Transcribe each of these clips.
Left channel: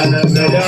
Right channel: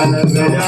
Hallelujah.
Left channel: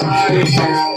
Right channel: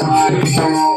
Thank you.